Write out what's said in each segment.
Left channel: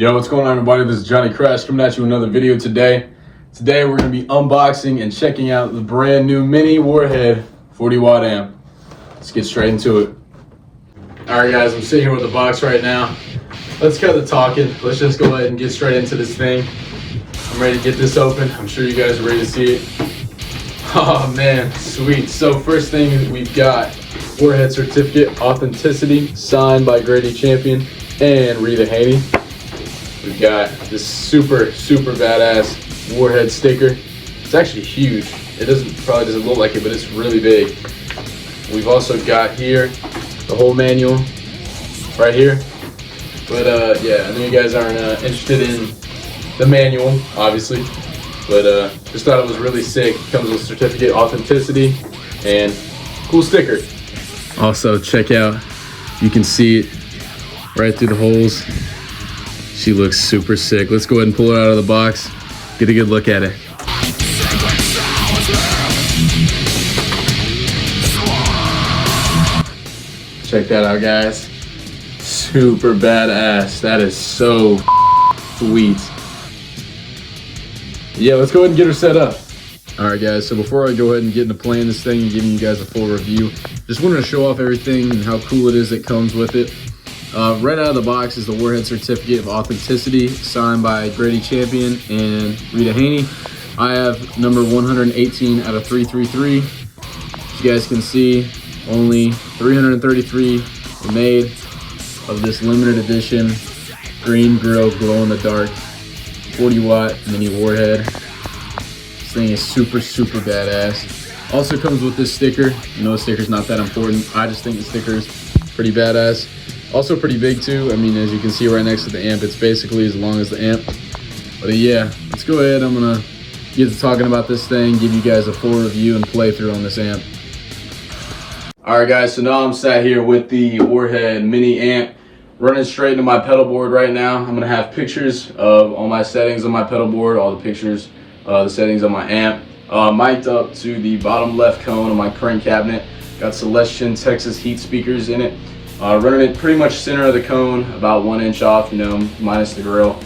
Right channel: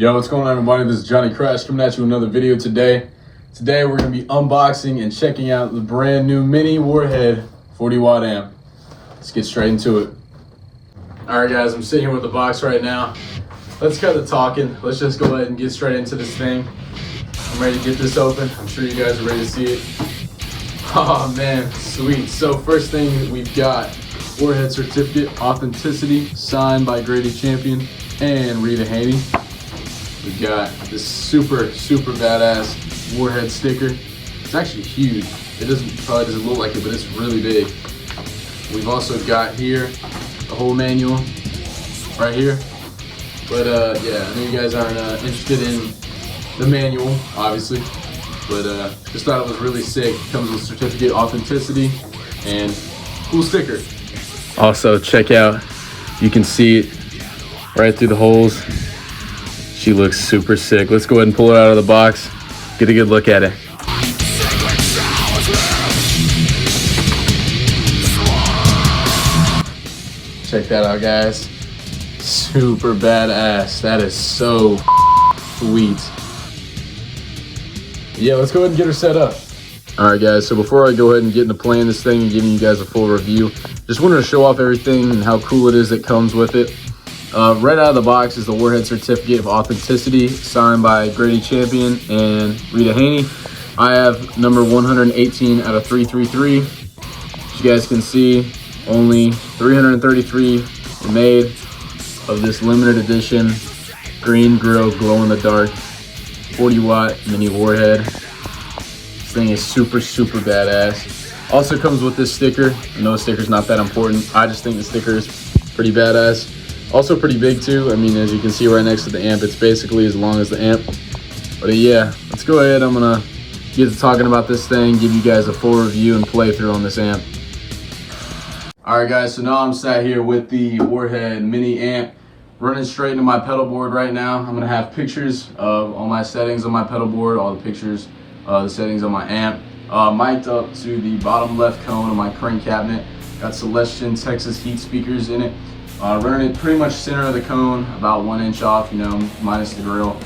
Yo, what's going on, everybody? This is Johnny Crash coming at you with another video today. Today we're going to be unboxing and checking out the brand new mini Warhead 40 watt amp. Let's get straight into it. Alright guys, I'm sitting here with the box right now. Let's cut the talking. Let's just go ahead and get straight into this thing. I'm ready to get this open. I'm sure you guys are ready to see it. Oh man, sweet. So first thing we've got Warhead Certificate Authenticity signed by Grady Champion and Rita Haney. We've got this super badass Warhead sticker. It's actually huge. It probably doesn't look like it, but it's really big. We've also got here the whole manual right here. But yeah, I know you guys aren't interested in the manual, obviously. But just thought it was really sick. It comes with certificate authenticity and cool sticker. Also, check out, you can see it right through the holes. She looks super sick. Let's go ahead and pull it out of the box. Get a good look at it. Check that out, guys. Super badass. That is so sweet. Yeah, let's go ahead and get her set up. All right, guys. So before I go ahead and get into playing this thing and giving you guys a full review, just wanted to show off everything and how cool it is that comes with it. Right out of the box is the Warhead Certificate of Authenticity signed by Grady Champion and Rita Haney. I have number 118 out of 333. As you guys can see, only 333 were made of this limited edition green grill glow in the dark 40 watt mini Warhead. This thing is super badass. Also comes with this sticker. No, sticker's not that important. I just think the sticker is pretty badass. Also pretty big too. I mean, as you can see right next to the amp, it's basically as long as the amp. But yeah, let's go ahead. I'm gonna get to talking about this thing, give you guys a full review and playthrough on this amp. All right guys, so now I'm sat here with the Warhead mini amp, running straight into my pedal board right now. I'm gonna have pictures of all my settings on my pedal board, all the pictures, the settings on my amp, mic'd up to the bottom left cone of my crank cabinet. Got Celestion Texas heat speakers in it. Running it pretty much center of the cone, about 1 inch off, you know, minus the grill.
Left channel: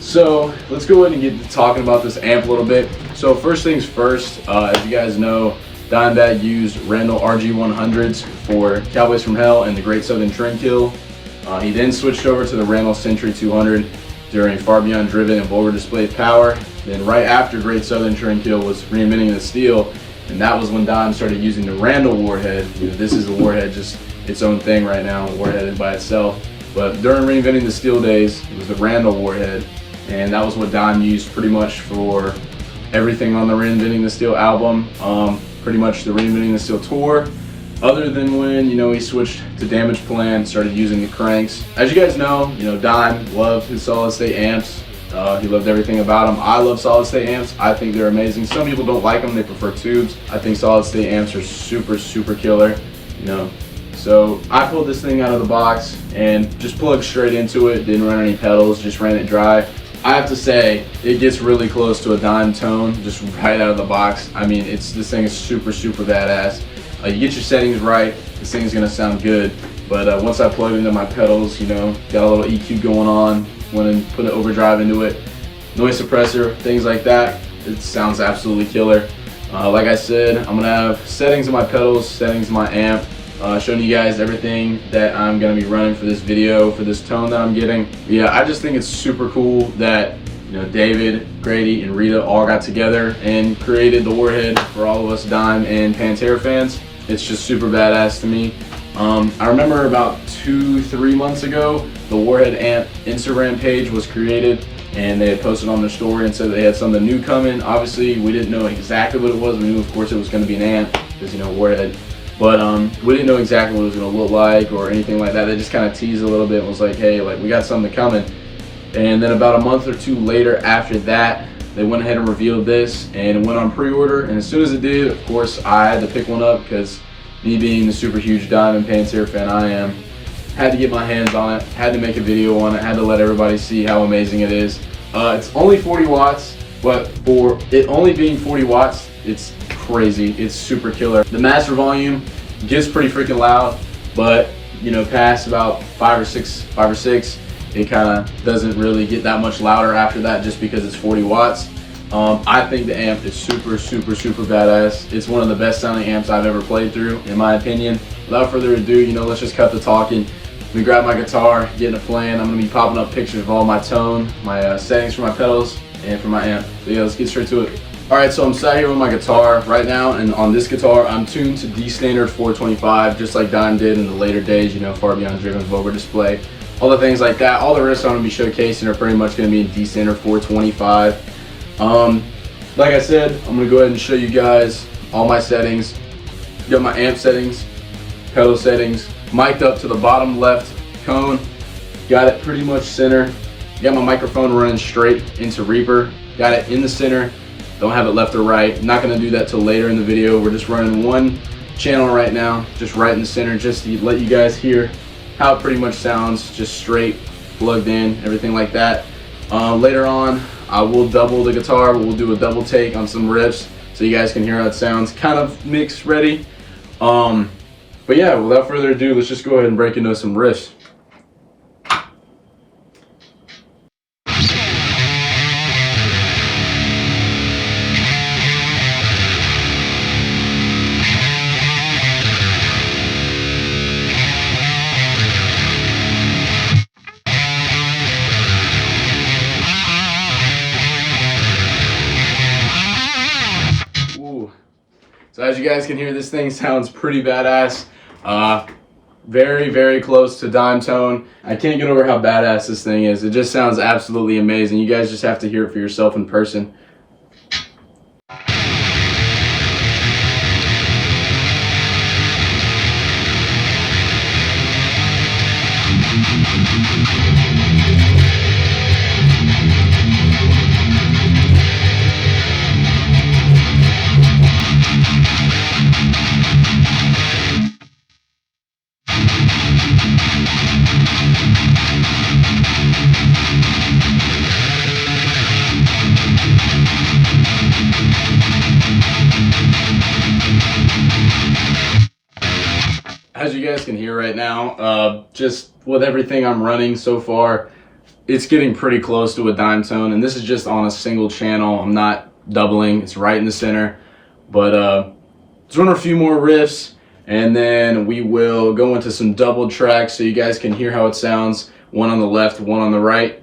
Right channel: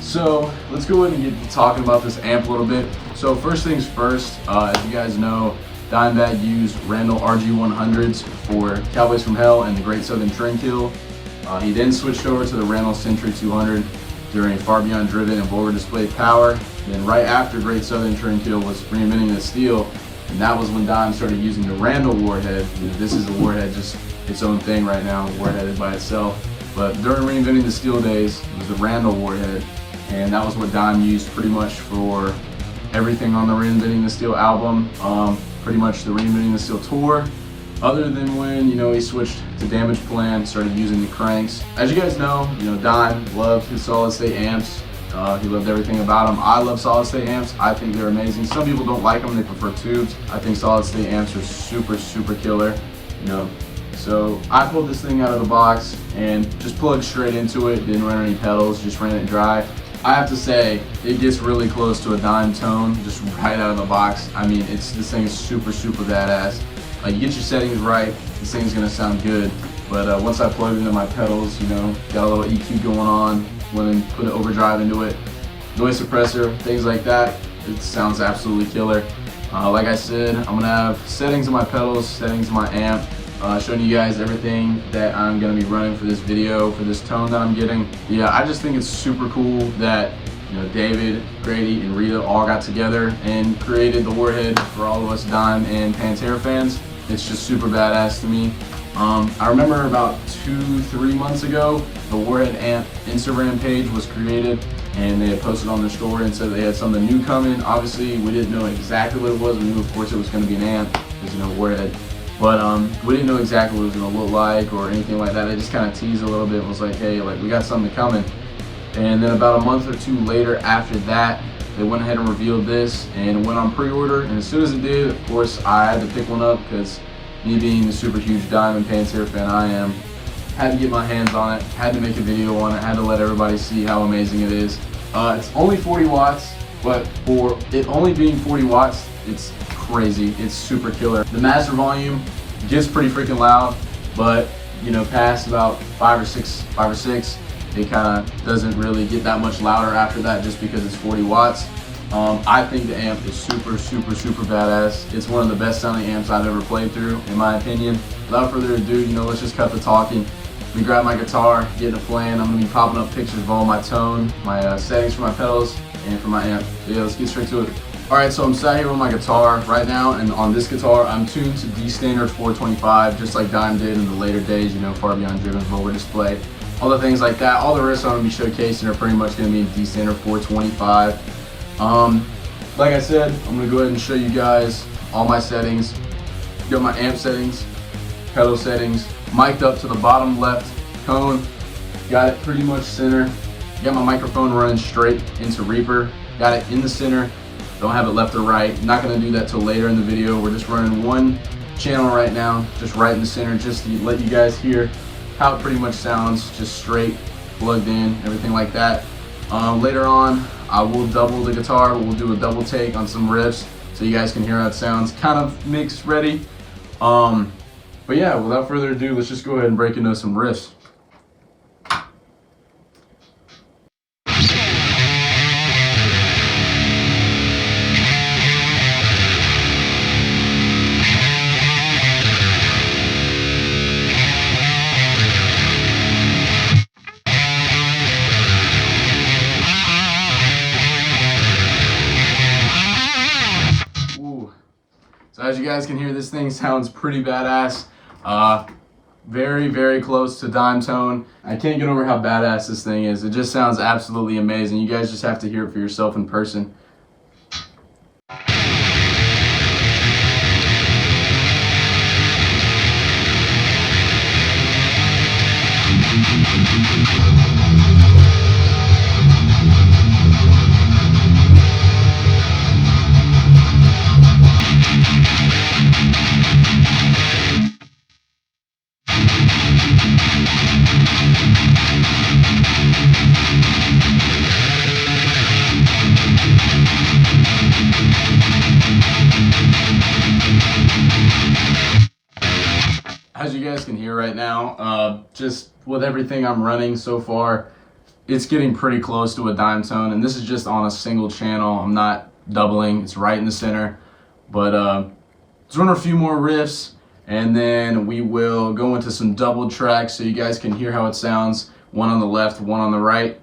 So let's go ahead and get to talking about this amp a little bit. So first things first, as you guys know, Dimebag used Randall RG100s for Cowboys from Hell and the Great Southern Trendkill. He then switched over to the Randall Century 200 during Far Beyond Driven and Vulgar Display Power. Then right after Great Southern Trendkill was Reinventing the Steel, and that was when Dime started using the Randall Warhead. This is a Warhead, just its own thing right now, Warhead by itself. But during Reinventing the Steel days, it was the Randall Warhead, and that was what Dime used pretty much for everything on the Reinventing the Steel album, pretty much the Reinventing the Steel tour, other than when, you know, he switched to Damage Plan, started using the cranks. As you guys know, Dime loved his solid state amps. He loved everything about them. I love solid state amps. I think they're amazing. Some people don't like them, they prefer tubes. I think solid state amps are super killer, So I pulled this thing out of the box and just plugged straight into it, didn't run any pedals, just ran it dry. I have to say, it gets really close to a Dime tone, just right out of the box. I mean, this thing is super badass. You get your settings right, this thing's gonna sound good. But once I plug it into my pedals, got a little EQ going on, went and put an overdrive into it, noise suppressor, things like that, it sounds absolutely killer. Like I said, I'm gonna have settings on my pedals, settings on my amp, showing you guys everything that I'm gonna be running for this video, for this tone that I'm getting. Yeah, I just think it's super cool that David, Grady, and Rita all got together and created the Warhead for all of us Dime and Pantera fans. It's just super badass to me. I remember about 2-3 months ago, the Warhead amp Instagram page was created, and they had posted on their story and said they had something new coming. Obviously, we didn't know exactly what it was. We knew, of course, it was going to be an amp, because Warhead. But we didn't know exactly what it was going to look like or anything like that. They just kind of teased a little bit and was like, hey, we got something coming. And then about a month or two later after that, they went ahead and revealed this, and it went on pre-order. And as soon as it did, of course, I had to pick one up, because me being the super huge Dime and Pantera fan I am, had to get my hands on it, had to make a video on it, had to let everybody see how amazing it is. It's only 40 watts, but for it only being 40 watts, it's crazy. It's super killer. The master volume gets pretty freaking loud, but past about five or six, it kind of doesn't really get that much louder after that just because it's 40 watts. I think the amp is super badass. It's one of the best sounding amps I've ever played through, in my opinion. Without further ado, let's just cut the talking. Let me grab my guitar, get into playing. I'm gonna be popping up pictures of all my tone, my settings for my pedals, and for my amp. So yeah, let's get straight to it. All right, so I'm sat here with my guitar right now, and on this guitar, I'm tuned to D standard 425, just like Dime did in the later days, Far Beyond Driven's over display, all the things like that. All the riffs I'm gonna be showcasing are pretty much gonna be in D standard 425. Like I said, I'm gonna go ahead and show you guys all my settings. Got my amp settings, pedal settings, mic'd up to the bottom left cone. Got it pretty much center. Got my microphone running straight into Reaper. Got it in the center. Don't have it left or right. Not gonna do that till later in the video. We're just running one channel right now, just right in the center, just to let you guys hear how it pretty much sounds, just straight, plugged in, everything like that. Later on, I will double the guitar. We'll do a double take on some riffs so you guys can hear how it sounds, kind of mixed ready. But yeah, without further ado, let's just go ahead and break into some riffs. So as you guys can hear, this thing sounds pretty badass. Very close to dime tone. I can't get over how badass this thing is. It just sounds absolutely amazing. You guys just have to hear it for yourself in person. As you guys can hear right now, just with everything I'm running so far, it's getting pretty close to a dime tone, and this is just on a single channel. I'm not doubling, it's right in the center. But let's run a few more riffs, and then we will go into some double tracks so you guys can hear how it sounds. One on the left, one on the right.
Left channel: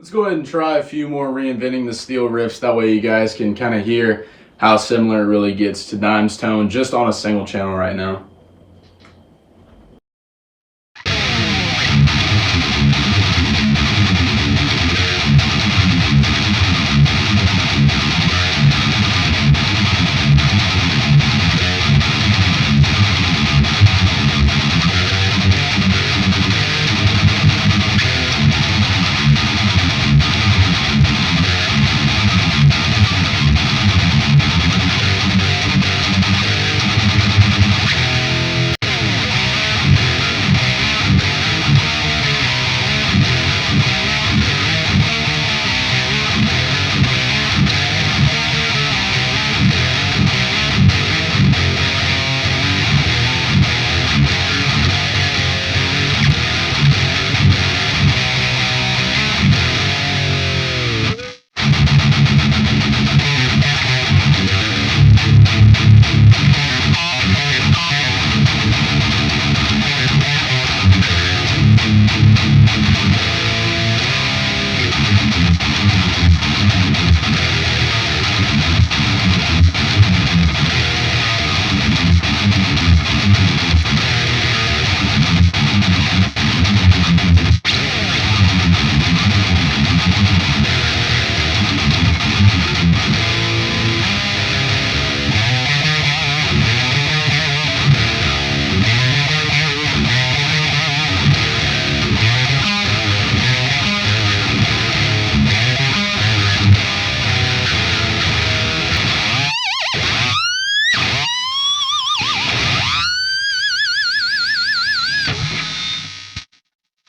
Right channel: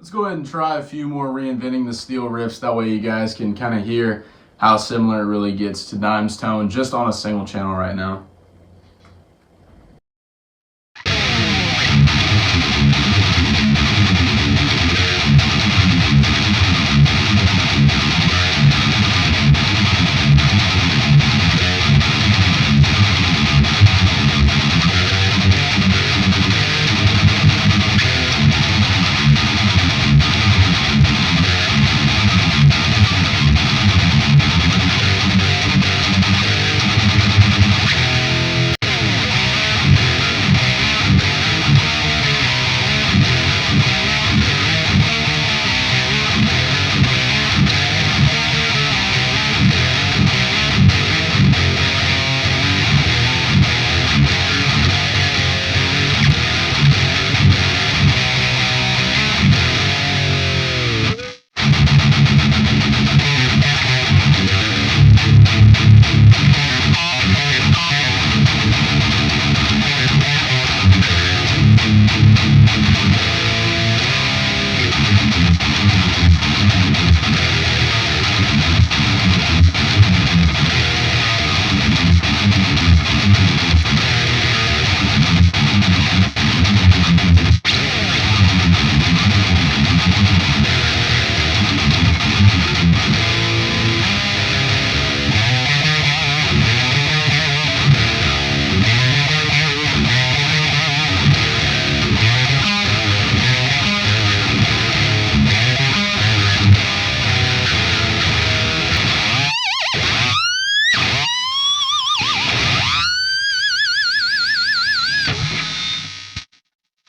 Let's go ahead and try a few more Reinventing the Steel riffs. That way you guys can kind of hear how similar it really gets to Dime's tone just on a single channel right now.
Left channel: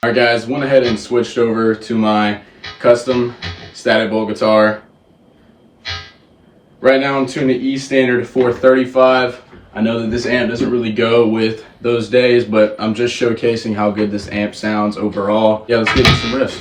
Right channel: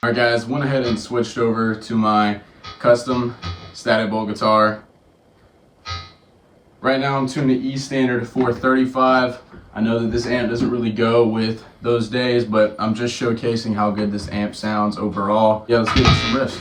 Alright guys, went ahead and switched over to my custom static bolt guitar. Right now I'm tuned to E standard 435. I know that this amp doesn't really go with those days, but I'm just showcasing how good this amp sounds overall. Yeah, let's get into some riffs.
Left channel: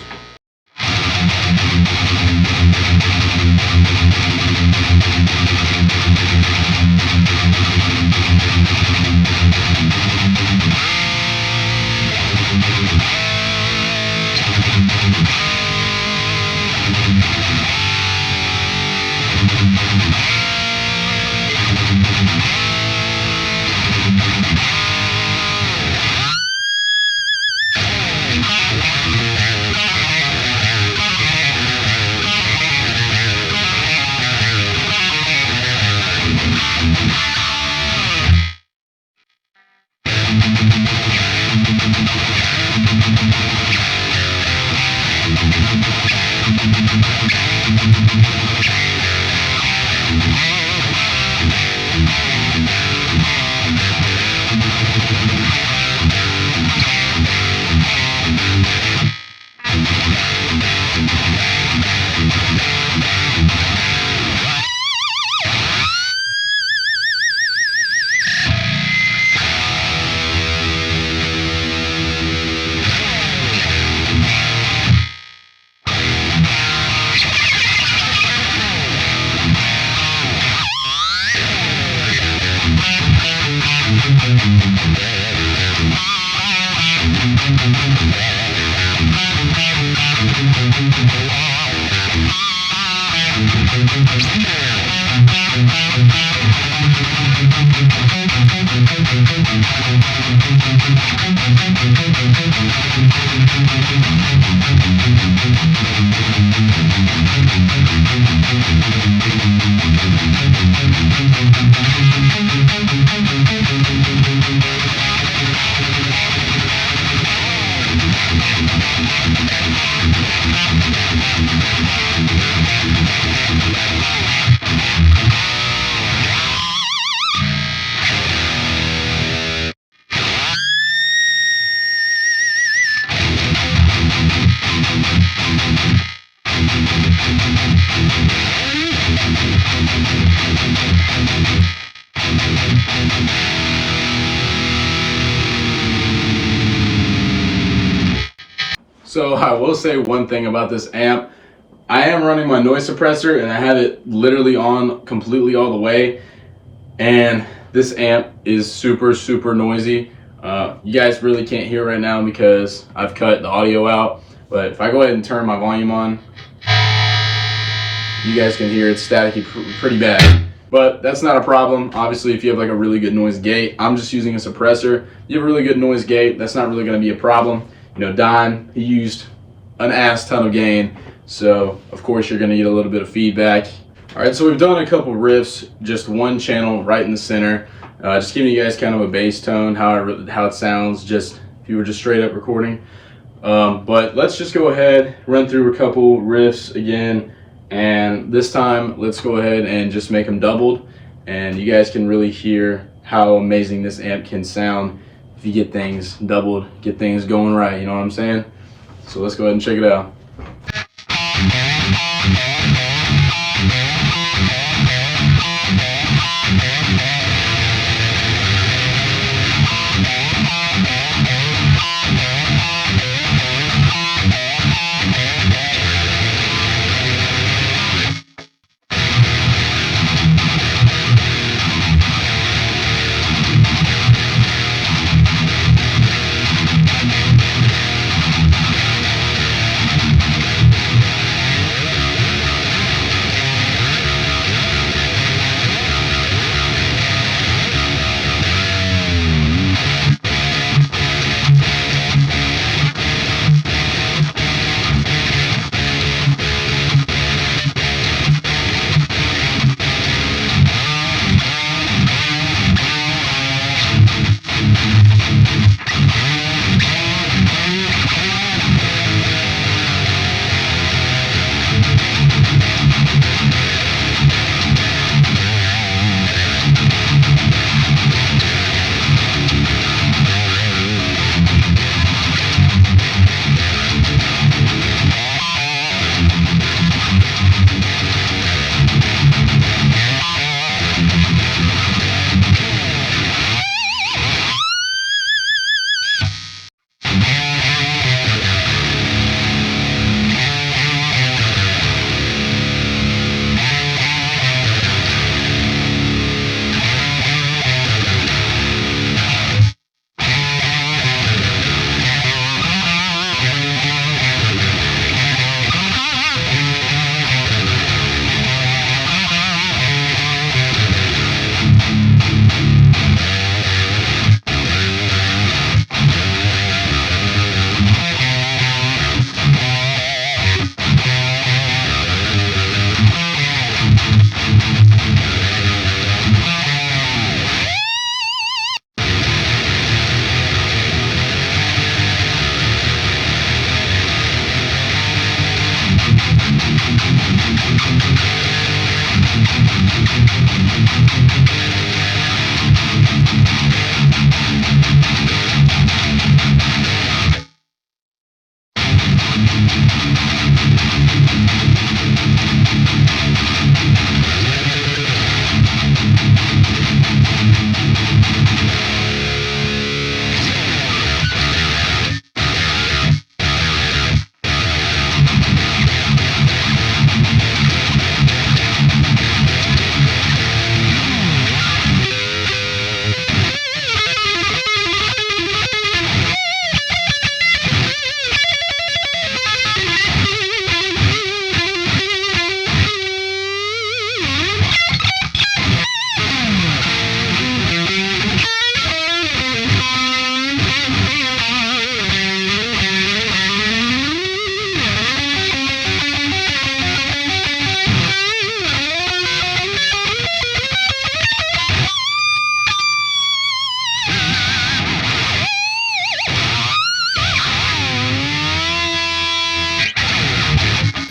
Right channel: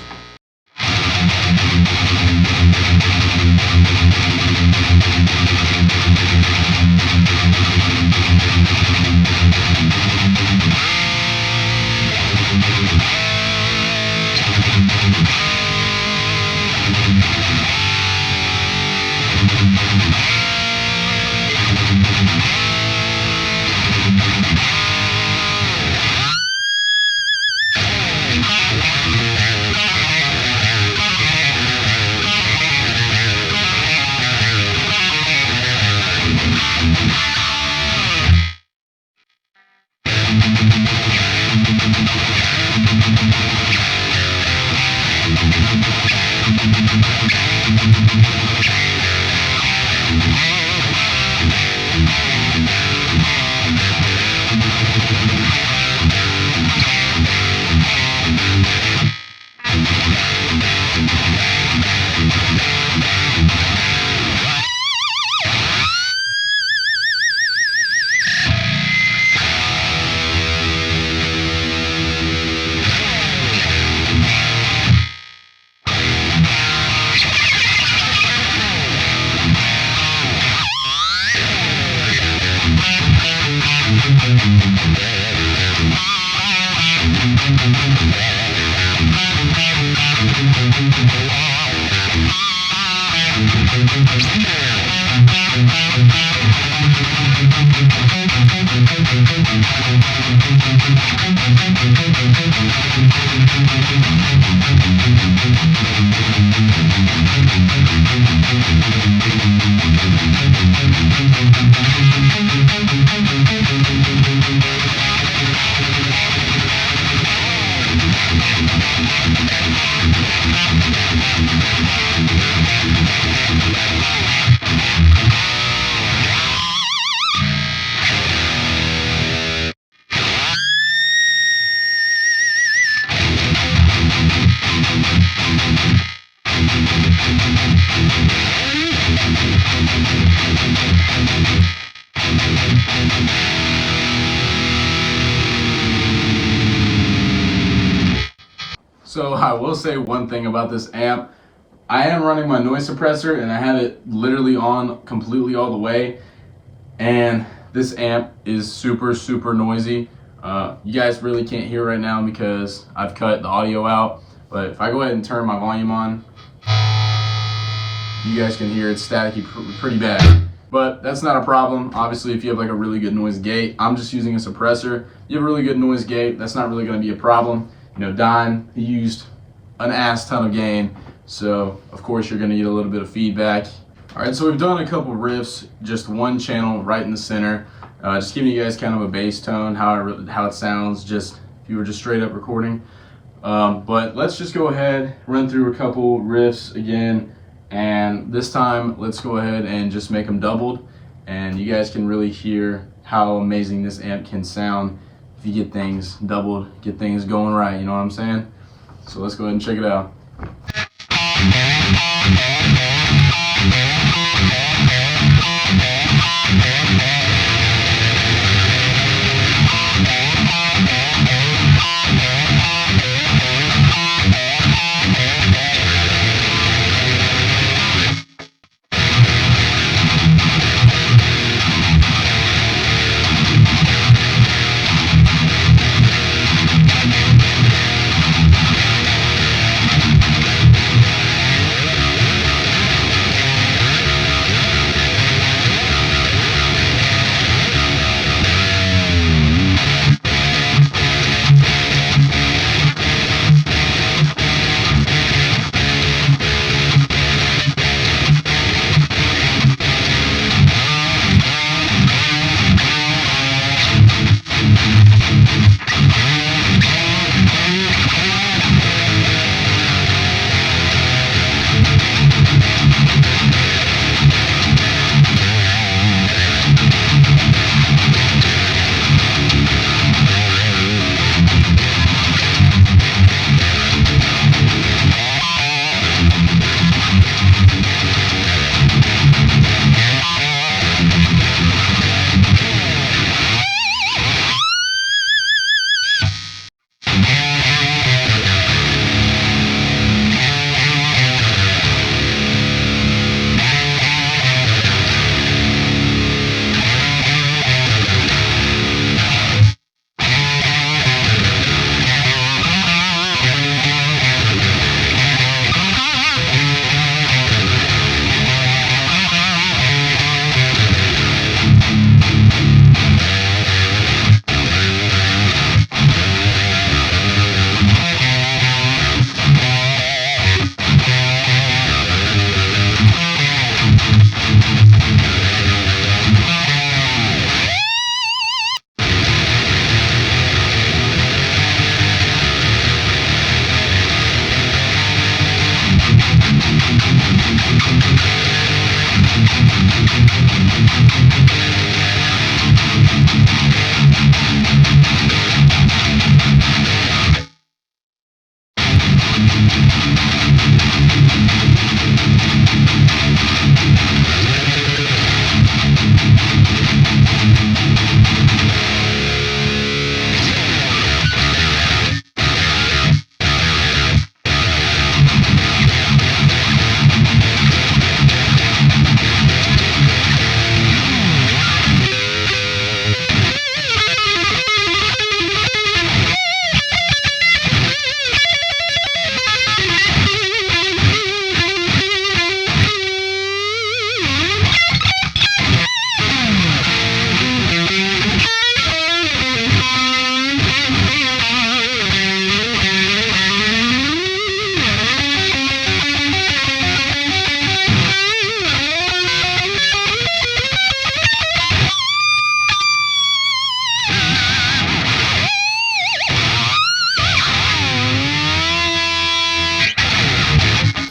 So I will say one thing about this amp. I am running my noise suppressor and I have it literally on completely all the way, and this amp is super noisy. You guys really can't hear right now because I've cut the audio out, but if I go ahead and turn my volume on, you guys can hear it's staticky pretty bad. But that's not a problem. Obviously, if you have like a really good noise gate, I'm just using a suppressor. You have a really good noise gate, that's not really going to be a problem. You know, Don, he used an ass ton of gain, so of course you're going to get a little bit of feedback. All right, so we've done a couple riffs, just one channel right in the center, just giving you guys kind of a bass tone, how it sounds, just if you were just straight up recording. But let's just go ahead, run through a couple riffs again, and this time let's go ahead and just make them doubled, and you guys can really hear how amazing this amp can sound if you get things doubled, get things going right, you know what I'm saying? So let's go ahead and check it out.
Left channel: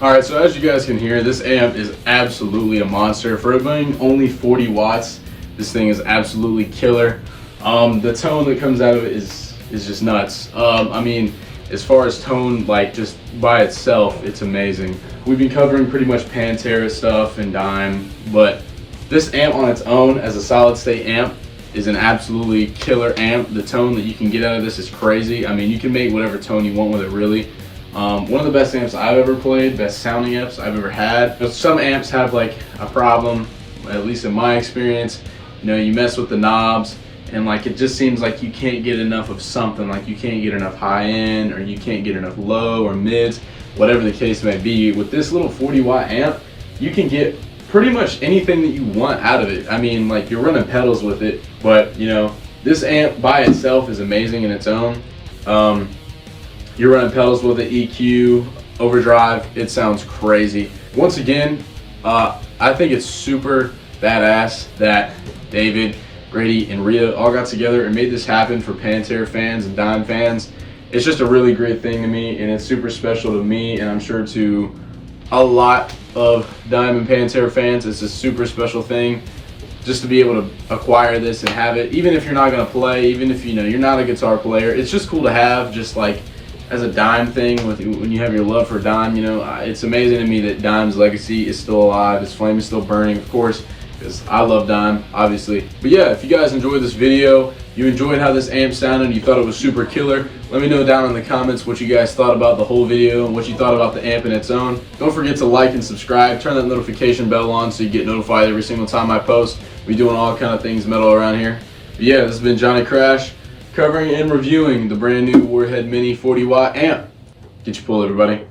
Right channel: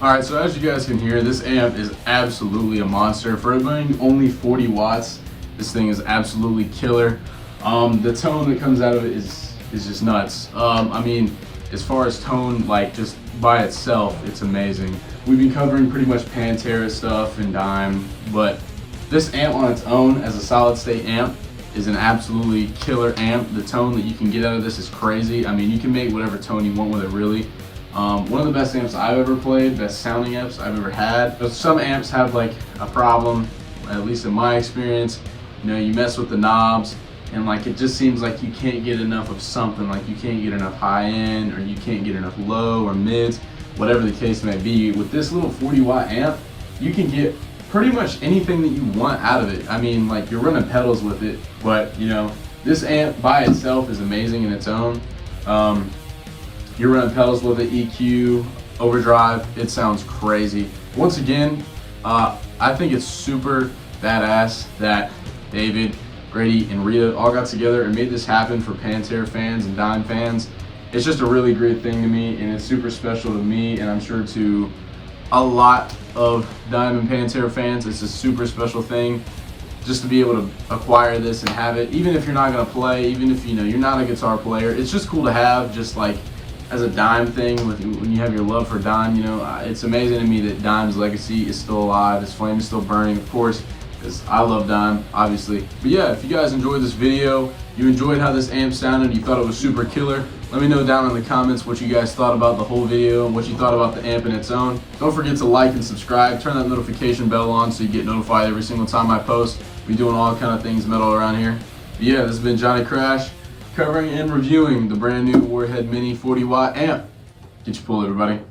All right, so as you guys can hear, this amp is absolutely a monster. For it being only 40 watts, this thing is absolutely killer. The tone that comes out of it is just nuts. I mean, as far as tone, like just by itself, it's amazing. We've been covering pretty much Pantera stuff and Dime, but this amp on its own as a solid state amp is an absolutely killer amp. The tone that you can get out of this is crazy. I mean, you can make whatever tone you want with it, really. One of the best amps I've ever played, best sounding amps I've ever had. But some amps have like a problem, at least in my experience. You know, you mess with the knobs and like it just seems like you can't get enough of something. Like you can't get enough high end, or you can't get enough low or mids, whatever the case may be. With this little 40 watt amp, you can get pretty much anything that you want out of it. I mean, like you're running pedals with it, but you know, this amp by itself is amazing in its own. You're running pedals with it, EQ, overdrive, it sounds crazy. Once again, I think it's super badass that David, Grady, and Rita all got together and made this happen for Pantera fans and Dime fans. It's just a really great thing to me, and it's super special to me, and I'm sure to a lot of Dime and Pantera fans, it's a super special thing just to be able to acquire this and have it. Even if you're not gonna play, even if you know you're not a guitar player, it's just cool to have, just like as a Dime thing. When you have your love for Dime, you know, it's amazing to me that Dime's legacy is still alive, his flame is still burning, of course, because I love Dime, obviously. But yeah, if you guys enjoyed this video, you enjoyed how this amp sounded, you thought it was super killer, let me know down in the comments what you guys thought about the whole video and what you thought about the amp in its own. Don't forget to like and subscribe, turn that notification bell on so you get notified every single time I post. We're doing all kind of things metal around here. But yeah, this has been Johnny Crash, covering and reviewing the brand new Warhead Mini 40 watt amp. Get your pull, everybody.